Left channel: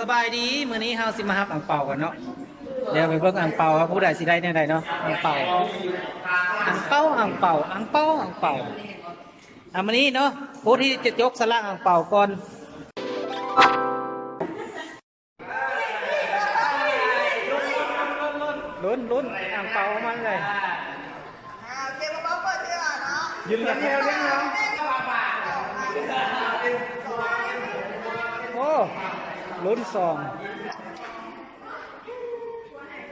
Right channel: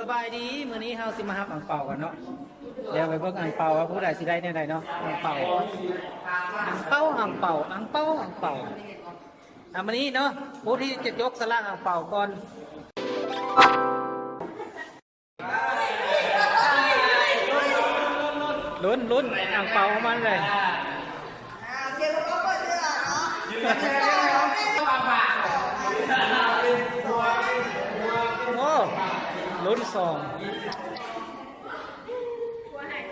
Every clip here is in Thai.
สบายดีมื้อนี้เฮาสิมาฮับอั่งเปากันเนาะเดี๋ยวไปเบิ่งอั่งเปาว่าผู้ใดสิได้แนวใดเนาะอั่งเปาอั่งเปาอั่งเปาอั่งเปาอั่งเปามื้อนี้เนาะผู้ที่จะยกสลากอั่งเปาก่อนลุ้นอั่งเปาของมันเลยเดี๋ยวเราเปิดเสื้อเนาะยืนเดียวโอ้ลุ้น2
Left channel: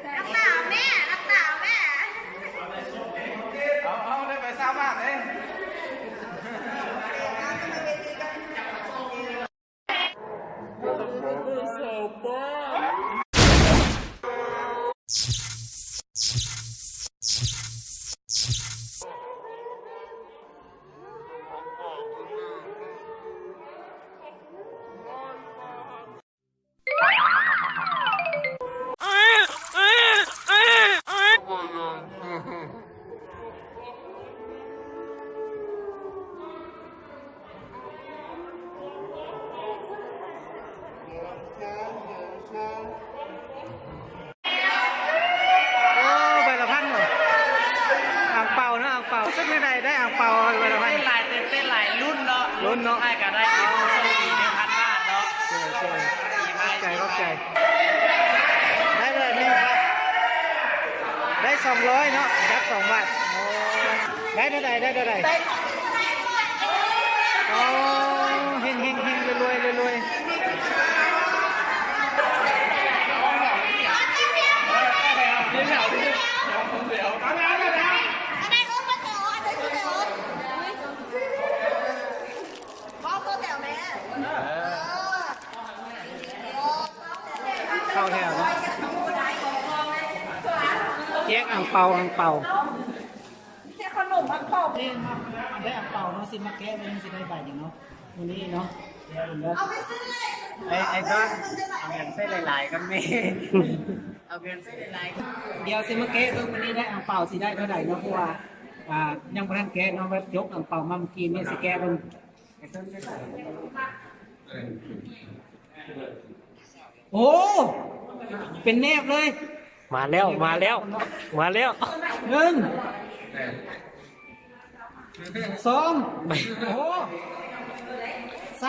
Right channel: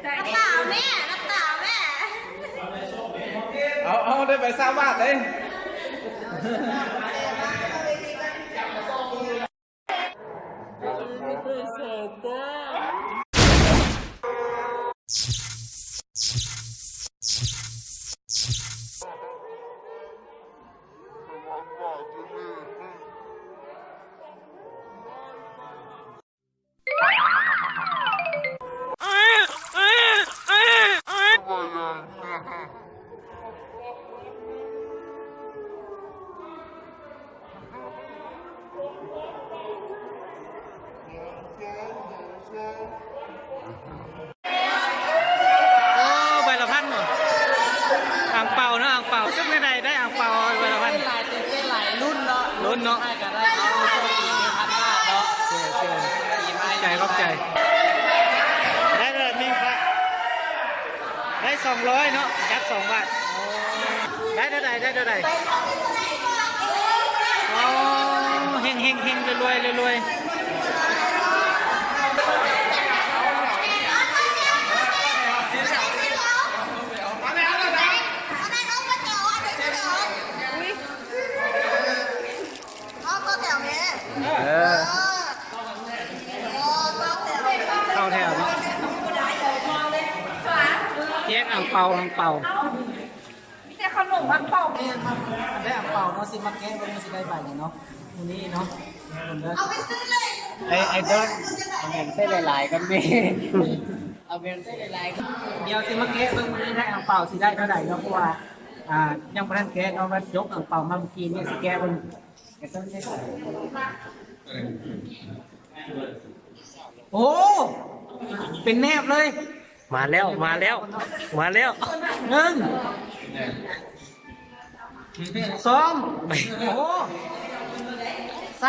น้ำเปล่าแม่น้ำเปล่าแม่เอาได้ไปสร้างบ้านเลยใบละพันหมดอ่างเปาเนาะอ่างเปาซึ่งในใดได้อ่างเปาใบละพันหลายเต้นหลายรุ่นเนาะ ลุ้นเนาะ ให้กันได้เอาโชคดี1,000 บาทเนาะปีใหม่ ใจขอบใจได้เลยนี่ครับได้200เนาะยับ2 บาทได้เท่าไหร่ได้เท่าไหร่อ๋อเฮงรวยเข้าแถวเนาะแยกอ่างเปาแต่ขนมอังเปา ได้อ่างเปาเนาะสิมาแก้บนสิได้ใบอย่างเนาะวันนี้เนาะ เอาไปซื้อเลย ไอ้ต้น เอาเงินเส้นหลายๆกันนี่เอาเงินเส้นหลายๆ เดี๋ยวสิมาแก้เบิ่งวันนี้ได้อ่างเปาสิได้เท่าไหร่เนาะเพราะว่ายังบ่ทันแก้เนาะว่ายกอ่างเปามาเมื่อกี้เนี่ยสิแก้เบิ่งไอ้ต้นได้ใส่โอ้เป็นแนบเลย มาแล้ว 1 2โอ้3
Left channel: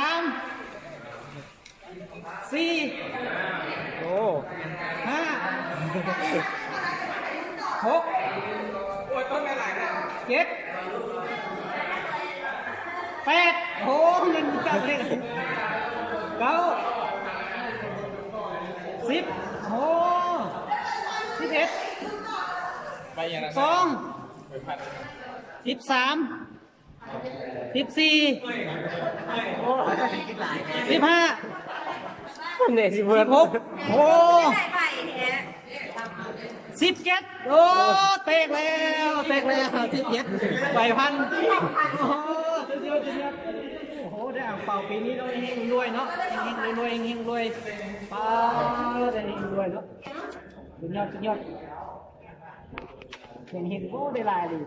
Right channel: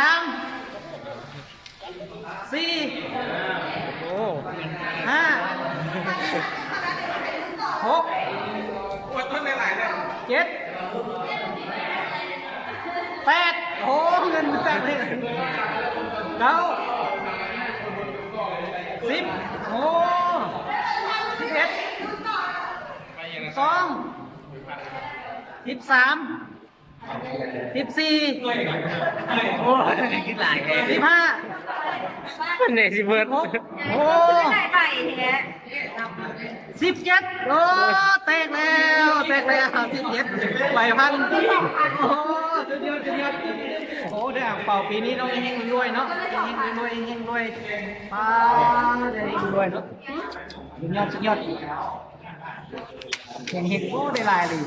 4 โอ้ 5 6โอ้ยต้นหลายๆเนี่ย7 8โอ้เงินจังเลย9 10โอ้11 2 13 14โอ้คิดหลายแค่15เนี่ยสิเบิร์ด 16โอ้17โอ้แตกแล้ว17ใบพันโอ้สุดยอดโอ้ได้อ่างเป่าปีนี้เราเฮงรวยเนาะเฮงรวยป้าได้เฮงรวยเนาะสุดยอดเฮงโอ้ได้ลายเลย